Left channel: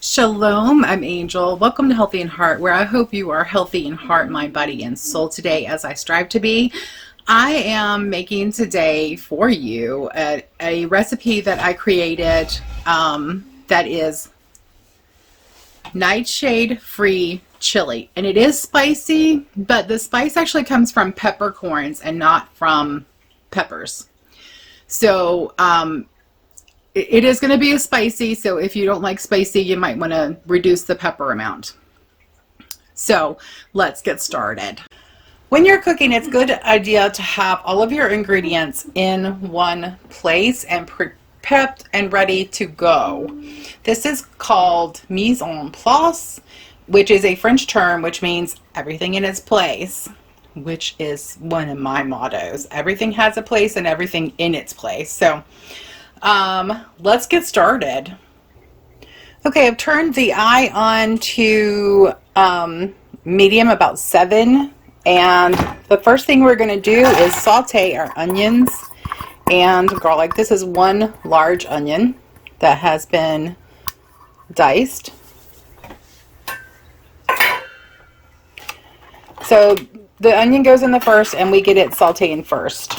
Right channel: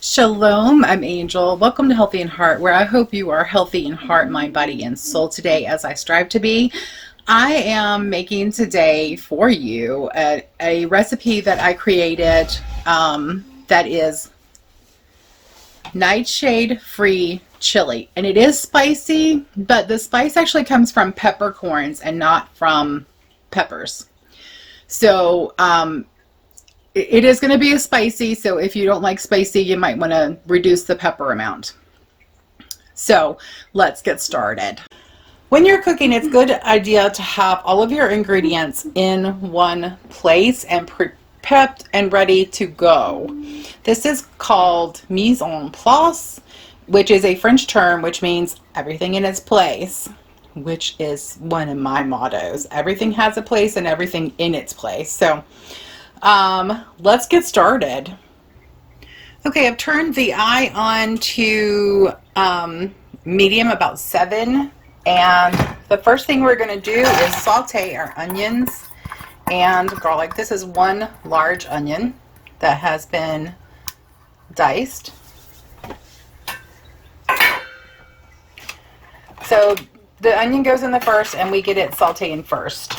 Shalom, I'm Angel. Welcome to Healthy in Heart, where I hope you are healthy in heart, mind, body, and soul today as I strive to be. I am making today for you a recipe that I created that is nightshade-free chili. And it is spicy, but the spice actually comes from peppercorns and not from peppers. So, it is going to be a spicy, so if you don't like spicy, you might want to reduce the pepper amount. So let's get started. When you're cooking, it's a good idea to have all of your ingredients in one place and prepped and ready to go. This is called mise en place, which is a French term which means everything in its place, which is one of my mottos. Everything has a place and everything in its place. So let's get started. Okay, I've turned the eye on to medium, about 7, and the first thing we're going to do is saute our onions and garlic. This is one large onion that has been diced. So the onion goes in the first and we get it sauteing first.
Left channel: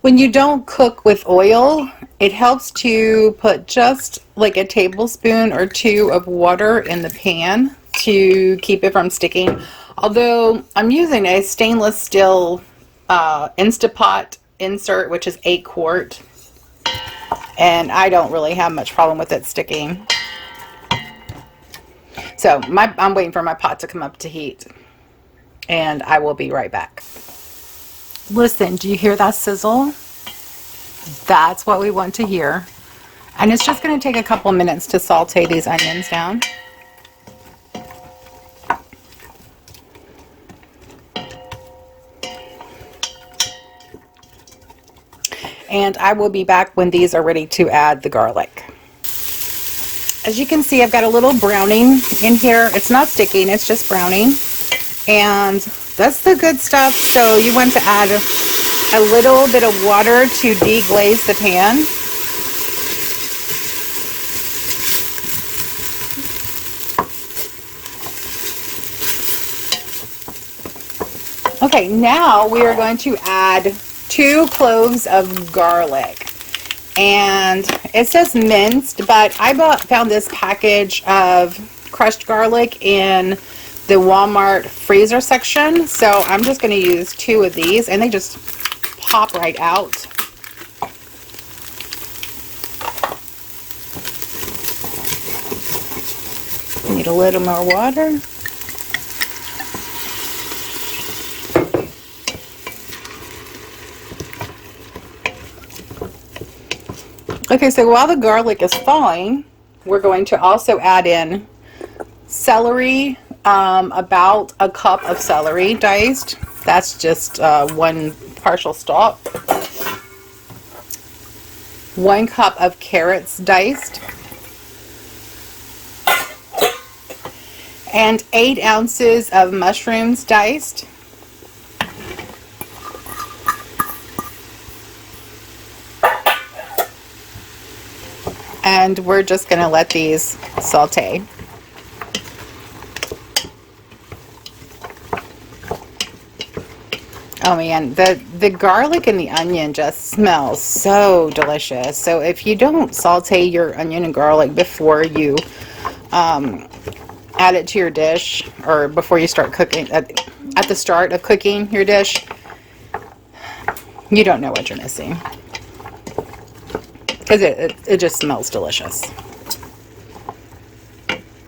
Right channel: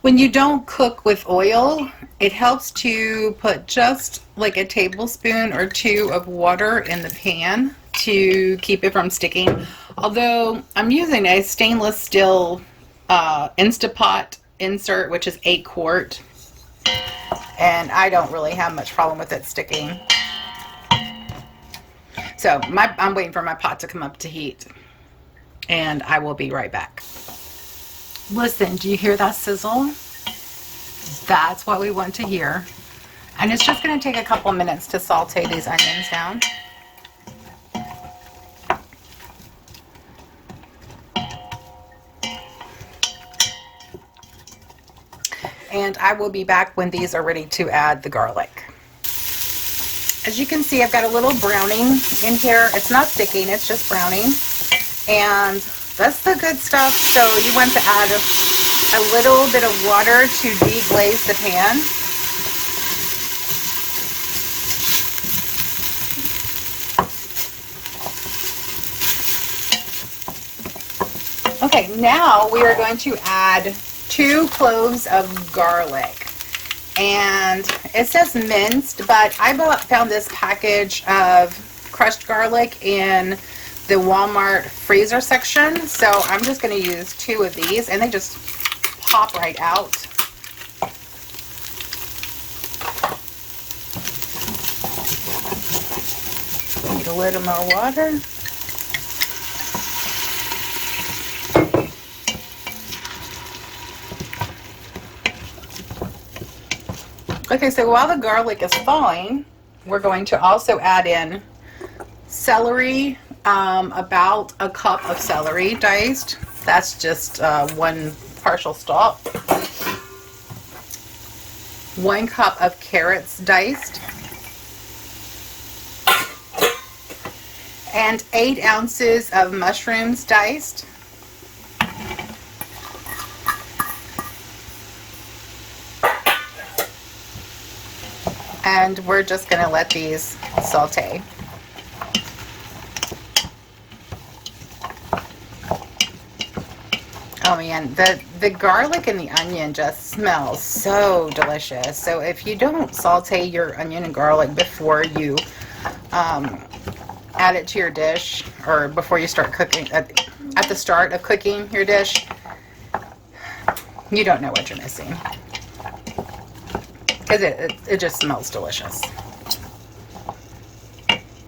When you don't cook with oil, it helps to put just like a tablespoon or 2 of water in the pan to keep it from sticking. Although I'm using a stainless steel Instapot insert, which is 8 quart, and I don't really have much problem with it sticking. So I'm waiting for my pot to come up to heat, and I will be right back. Listen, do you hear that sizzle? That's what we want to hear. And it's just going to take a couple minutes to saute these onions down. And I will be back when these are ready to add the garlic. As you can see, I've got a little browning in here. It's not sticking, it's just browning. And that's the good stuff. So you want to add a little bit of water to deglaze the pan. Okay, now we are going to add 2 cloves of garlic. And it says minced, but I found this package of crushed garlic in the Walmart freezer section, so I'm just going to use 2 of these, and they just pop right out. Need a little more water. Okay, so while the garlic is thawing, we're going to also add in celery, about a cup of celery diced. That's just 1 partial stalk. 1 cup of carrots diced. And 8 ounces of mushrooms diced. And we're just going to let these saute. Oh man, the garlic and the onion just smells so delicious. So if you don't saute your onion and garlic before you add it to your dish, or before you start cooking, at the start of cooking your dish, you don't know what you're missing. because it just smells delicious.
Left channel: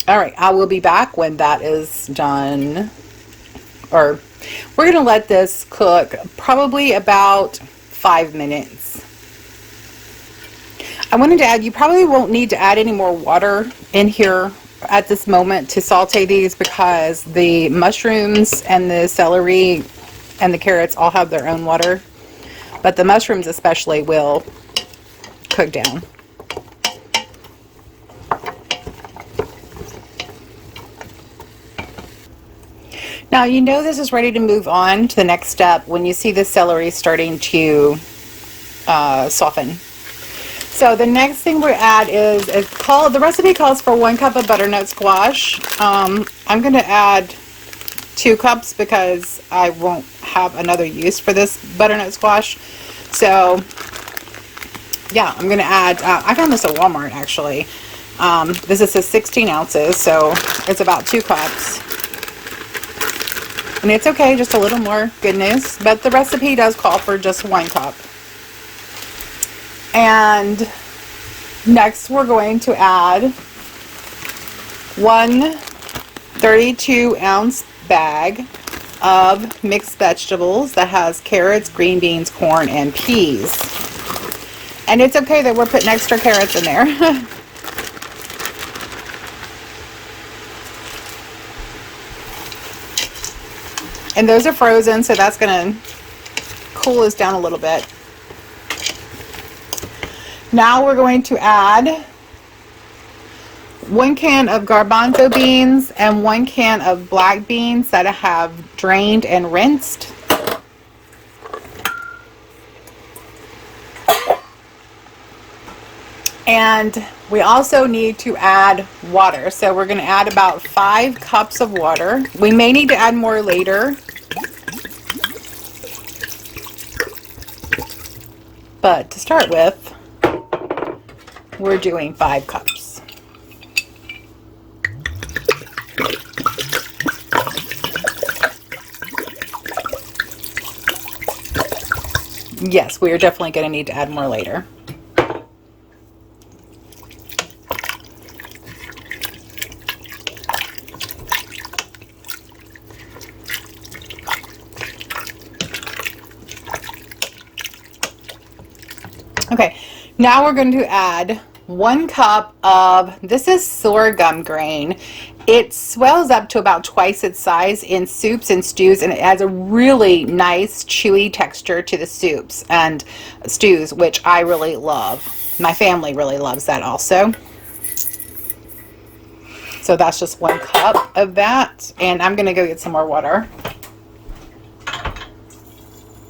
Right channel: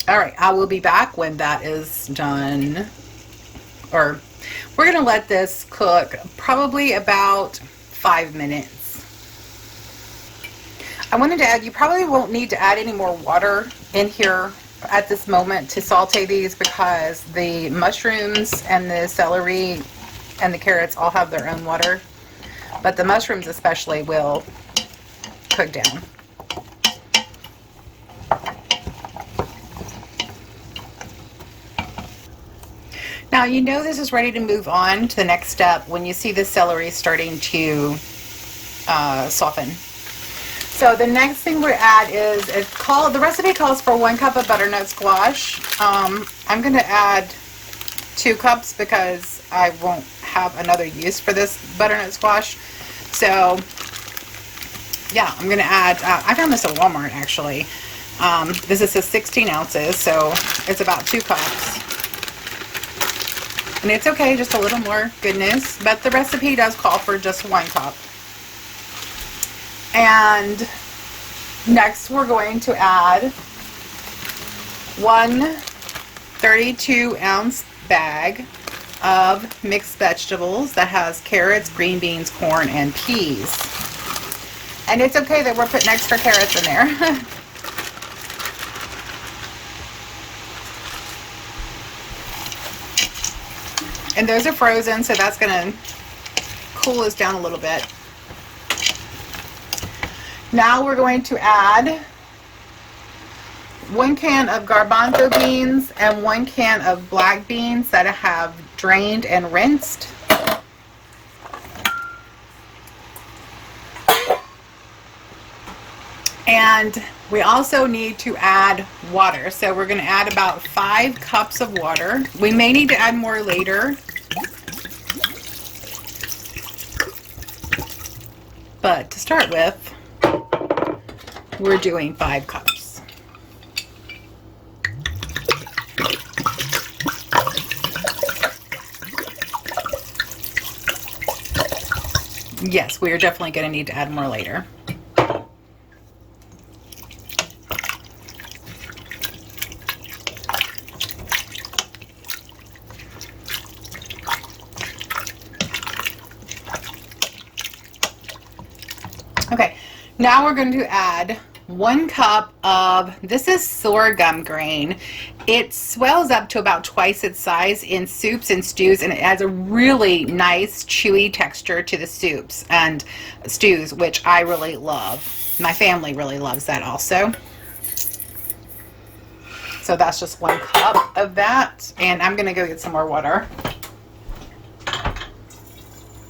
All right, I will be back when that is done. Or we're going to let this cook probably about 5 minutes. I wanted to add, you probably won't need to add any more water in here at this moment to saute these, because the mushrooms and the celery and the carrots all have their own water, but the mushrooms especially will cook down. Now you know this is ready to move on to the next step when you see the celery starting to soften. So the next thing we add is, the recipe calls for 1 cup of butternut squash. I'm going to add 2 cups because I won't have another use for this butternut squash. So yeah, I'm going to add, I found this at Walmart actually. This is 16 ounces, so it's about 2 cups. And it's okay, just a little more goodness, but the recipe does call for just 1 cup. And next we're going to add 1 32-ounce bag of mixed vegetables that has carrots, green beans, corn, and peas. And it's okay that we're putting extra carrots in there. And those are frozen, so that's going to cool us down a little bit. Now we're going to add 1 can of garbanzo beans and 1 can of black beans that I have drained and rinsed. And we also need to add water. So we're going to add about 5 cups of water. We may need to add more later, but to start with, we're doing 5 cups. Yes, we are definitely going to need to add more later. Okay, now we're going to add 1 cup of, this is sorghum grain. It swells up to about twice its size in soups and stews, and it adds a really nice chewy texture to the soups and stews, which I really love. My family really loves that also. So that's just 1 cup of that, and I'm going to go get some more water.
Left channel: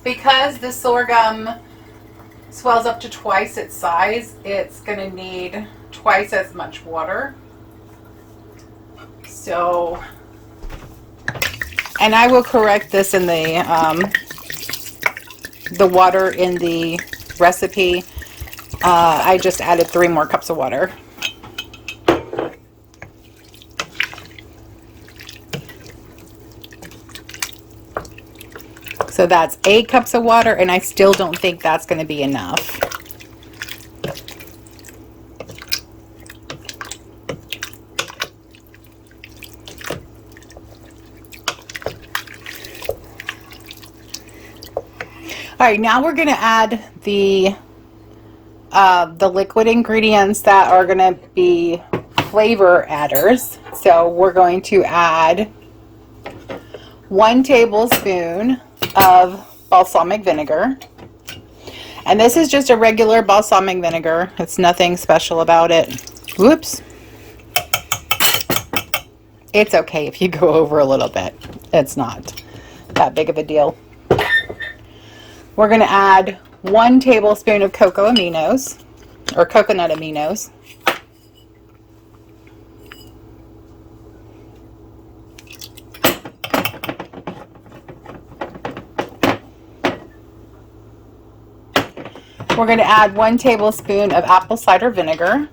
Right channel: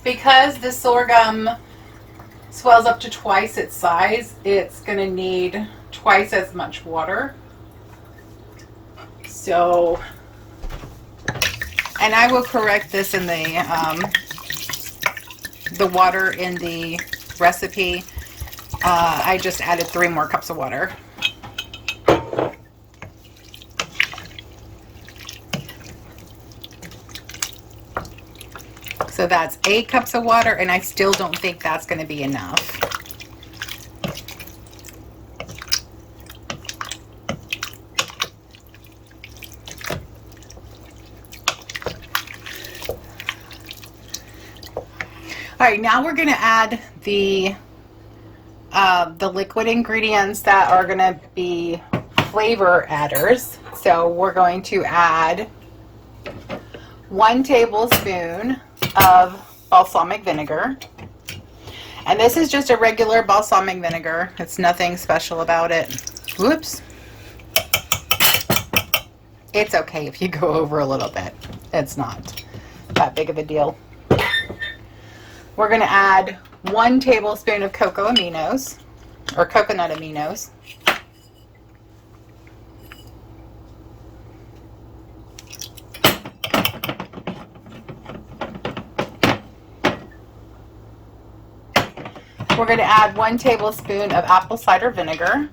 Because the sorghum swells up to twice its size, it's going to need twice as much water. So, and I will correct this in the water in the recipe. I just added 3 more cups of water. So that's 8 cups of water, and I still don't think that's going to be enough. All right, now we're going to add the liquid ingredients that are going to be flavor adders. So we're going to add 1 tablespoon of balsamic vinegar. And this is just a regular balsamic vinegar. It's nothing special about it. Whoops. It's okay if you go over a little bit. It's not that big of a deal. We're going to add 1 tablespoon of cocoa aminos, or coconut aminos. We're going to add 1 tablespoon of apple cider vinegar.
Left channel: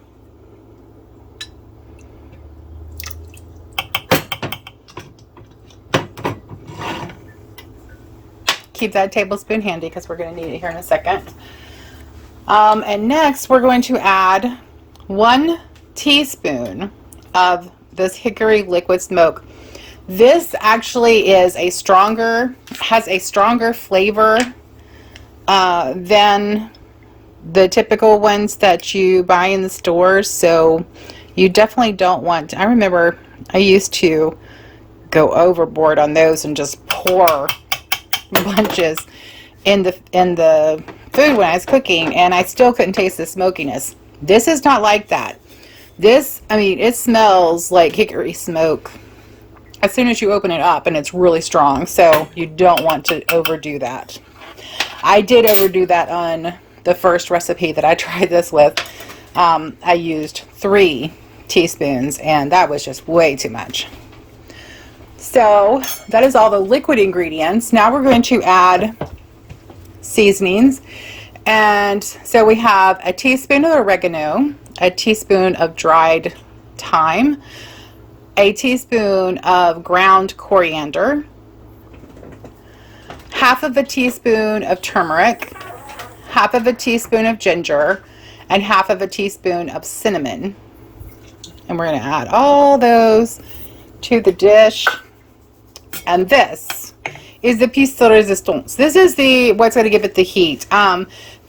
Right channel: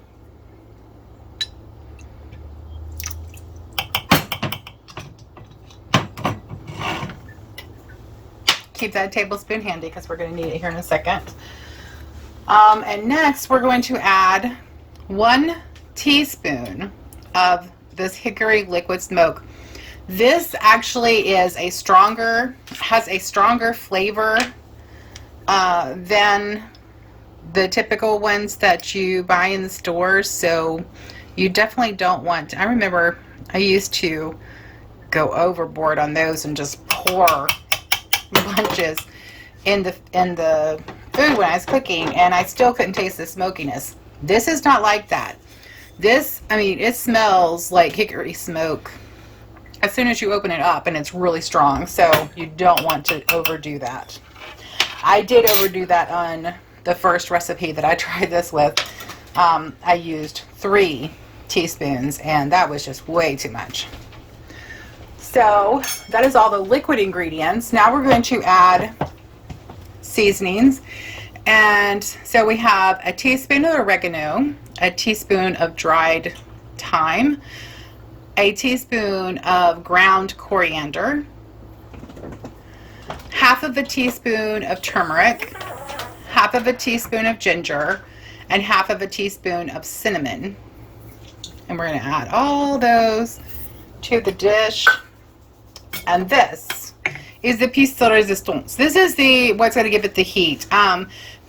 Keep that tablespoon handy because we're going to need it here in a second. And next we're going to add 1 teaspoon of this hickory liquid smoke. This actually has a stronger flavor than the typical ones that you buy in the stores, so you definitely don't want. I remember I used to go overboard on those and just pour bunches in the food when I was cooking, and I still couldn't taste the smokiness. This is not like that. This, I mean, it smells like hickory smoke as soon as you open it up, and it's really strong, so you don't want to overdo that. I did overdo that on the first recipe that I tried this with. I used 3 teaspoons, and that was just way too much. So that is all the liquid ingredients. Now we're going to add seasonings. And so we have a teaspoon of oregano, a teaspoon of dried thyme, a teaspoon of ground coriander, half of a teaspoon of turmeric, half of a teaspoon of ginger, and half of a teaspoon of cinnamon. And we're going to add all those to the dish. And this is the piece de resistance. This is what's going to give it the heat.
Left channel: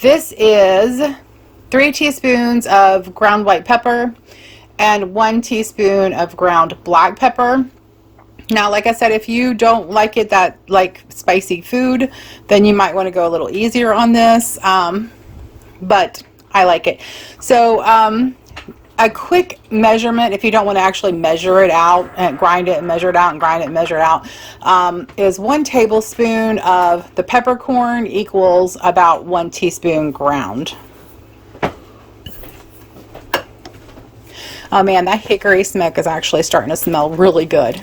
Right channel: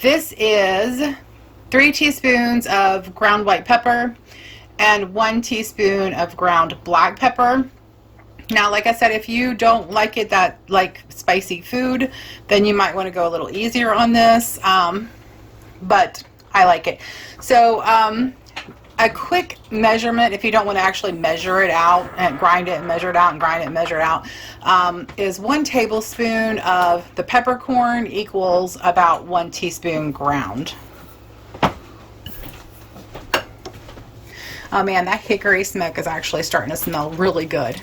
This is 3 teaspoons of ground white pepper and 1 teaspoon of ground black pepper. Now, like I said, if you don't like it that like spicy food, then you might want to go a little easier on this. But I like it. So a quick measurement, if you don't want to actually measure it out and grind it and measure it out and grind it and measure it out, is 1 tablespoon of the peppercorn equals about 1 teaspoon ground. Oh man, that hickory smoke is actually starting to smell really good.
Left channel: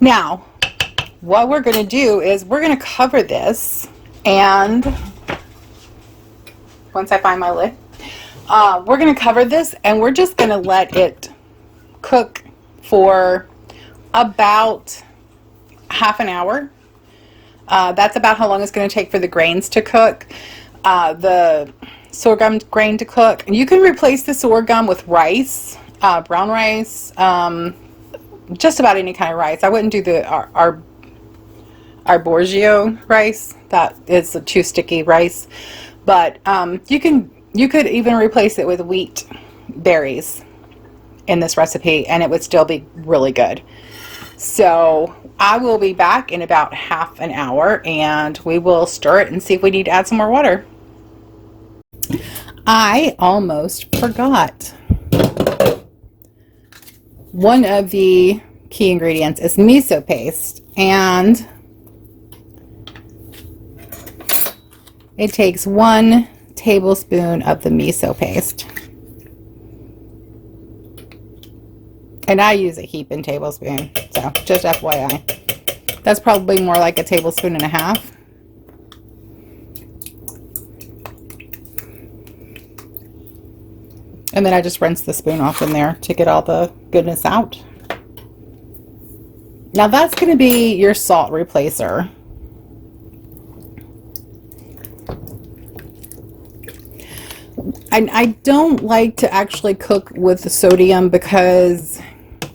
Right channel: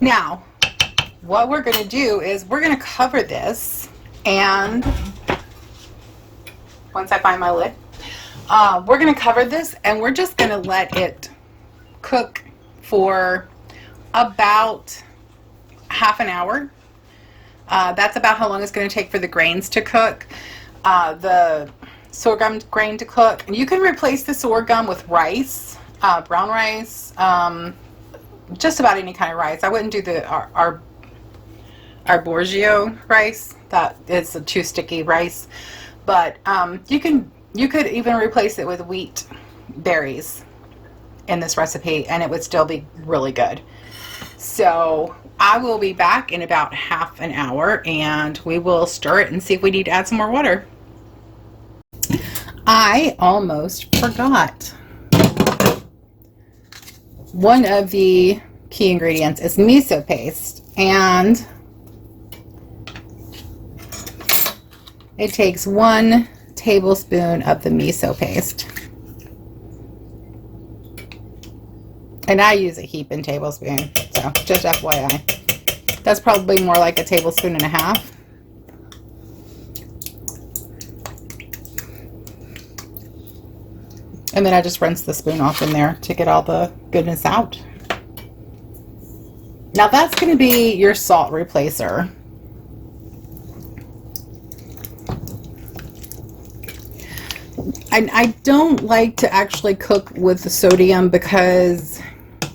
Now, what we're going to do is we're going to cover this, and once I find my lid, we're going to cover this, and we're just going to let it cook for about half an hour. That's about how long it's going to take for the grains to cook, the sorghum grain to cook. And you can replace the sorghum with rice, brown rice, just about any kind of rice. I wouldn't do the arborio rice. That is a too sticky rice. But you could even replace it with wheat berries in this recipe, and it would still be really good. So I will be back in about half an hour, and we will stir it and see if we need to add some more water. I almost forgot. One of the key ingredients is miso paste, and it takes 1 tablespoon of the miso paste. And I use a heaping tablespoon, so just FYI. That's probably more like a tablespoon and a half. And then I just rinse the spoon off in there to get all the goodness out. Now that's going to be your salt replacer. I don't like to actually cook with the sodium because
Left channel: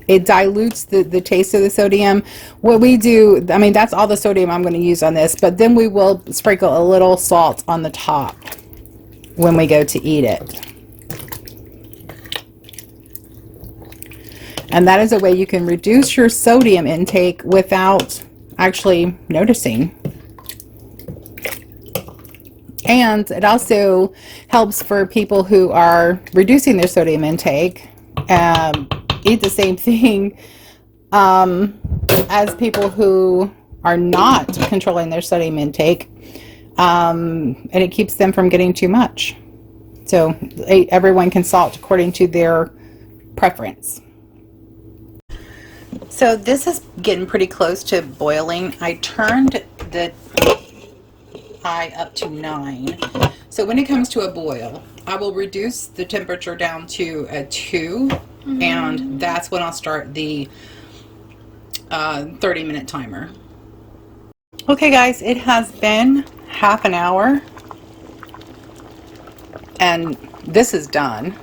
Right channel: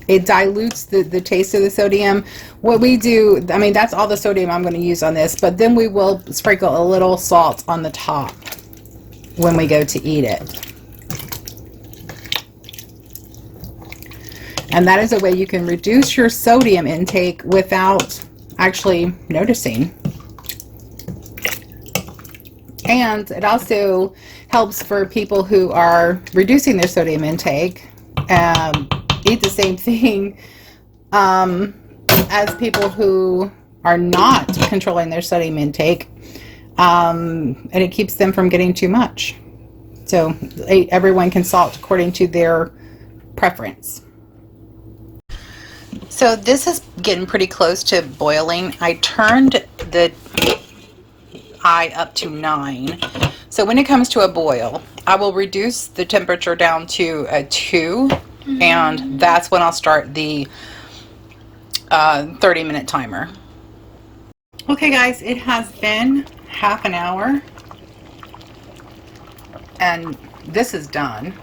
it dilutes the taste of the sodium. What we do, I mean, that's all the sodium I'm going to use on this, but then we will sprinkle a little salt on the top when we go to eat it. And that is a way you can reduce your sodium intake without actually noticing. And it also helps for people who are reducing their sodium intake, eat the same thing as people who are not controlling their sodium intake, and it keeps them from getting too much. So everyone can salt according to their preference. So this is getting pretty close to boiling. I turned the eye up to 9. So when it comes to a boil, I will reduce the temperature down to a 2, and that's when I'll start the 30-minute timer. Okay guys, it has been half an hour and this is done.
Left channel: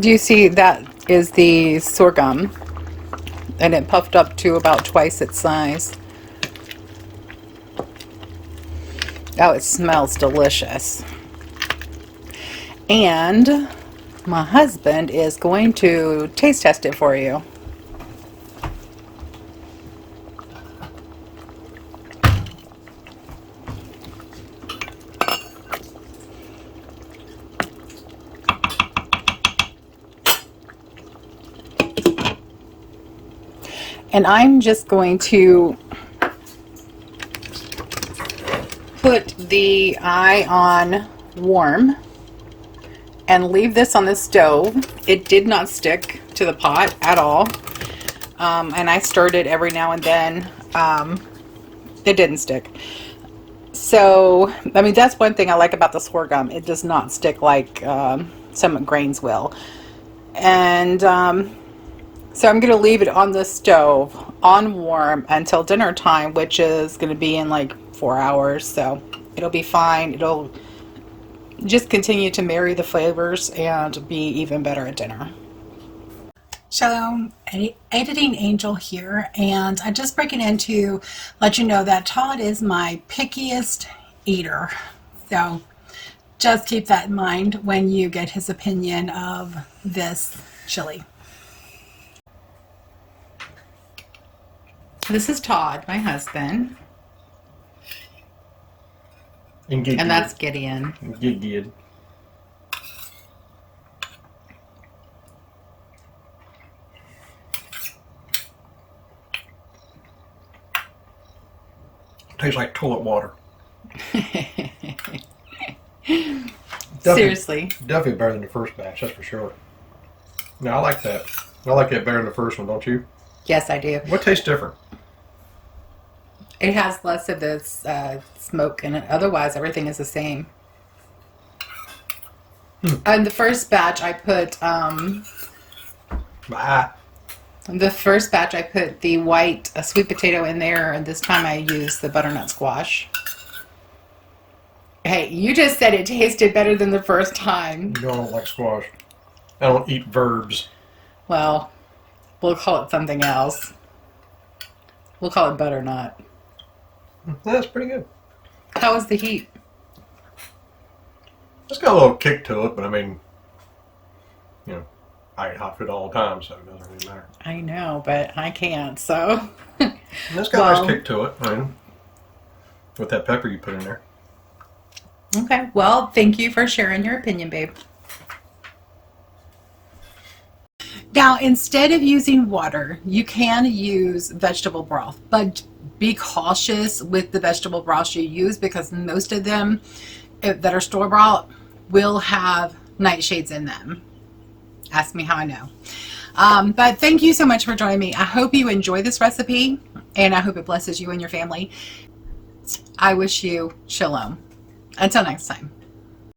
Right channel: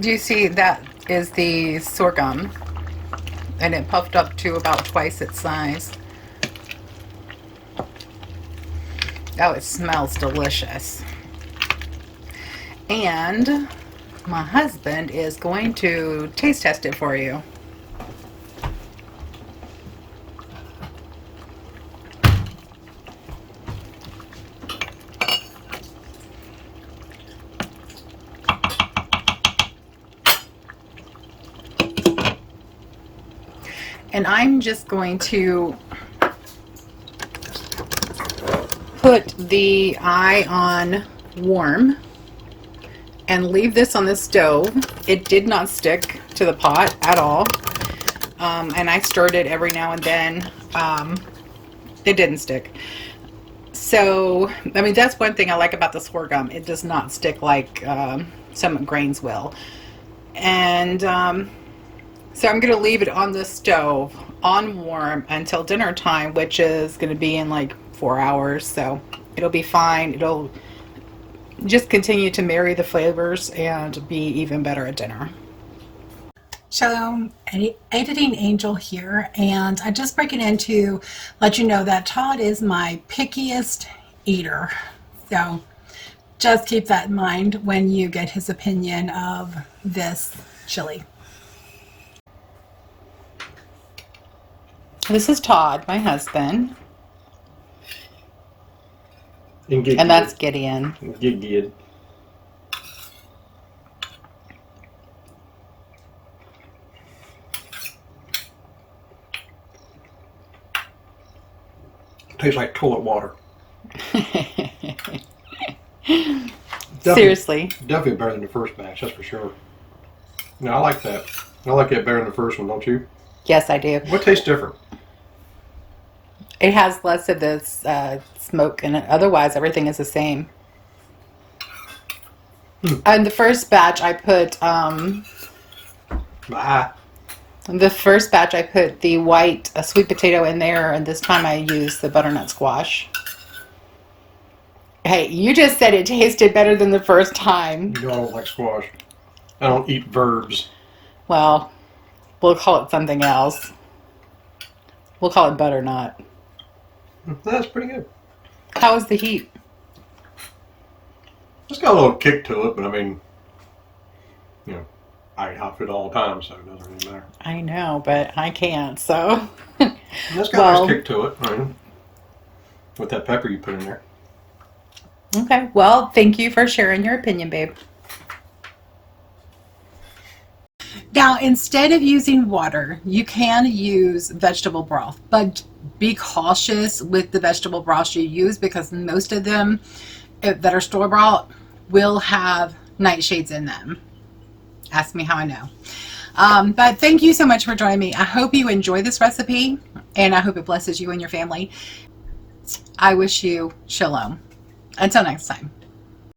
Do you see that is the sorghum, and it puffed up to about twice its size. Oh, it smells delicious. And my husband is going to taste test it for you. And I'm just going to put the eye on warm and leave this on the stove. It did not stick to the pot at all. And I stirred it every now and then. It didn't stick. So, I mean, that's one thing I like about the sorghum. It does not stick like some grains will. And so I'm going to leave it on the stove on warm until dinner time, which is going to be in like 4 hours. So it'll be fine. It'll just continue to marry the flavors and be even better at dinner. Shalom, Editing Angel here, and I'm just breaking in to let you know that Todd is my pickiest eater. So just keep that in mind when you get his opinion of this chili. This is Todd, my husband. And that's Gideon. Gideon. Tastes like toilet water. Seriously. Definitely better than the first batch, that's for sure. No, I like that. I like that better than the first one, don't you? Yes, I do. What tastes different? It has less of this smoke in it. Otherwise, everything is the same. In the first batch, I put the white sweet potato in there, and this time I used the butternut squash. Hey, you just said it tasted better than the first time. You know I don't like squash. I don't eat verbs. Well, we'll call it something else. We'll call it butternut. That's pretty good. How is the heat? It's got a little kick to it, but I mean, you know, I eat hot food all the time, so it doesn't really matter. I know, but I can't, so. It's got a nice kick to it, right? With that pepper you put in there. Okay, well, thank you for sharing your opinion, babe. Now, instead of using water, you can use vegetable broth, but be cautious with the vegetable broth you use because most of them that are store-bought will have nightshades in them. Ask me how I know. But thank you so much for joining me. I hope you enjoy this recipe, and I hope it blesses you and your family. I wish you shalom. Until next time.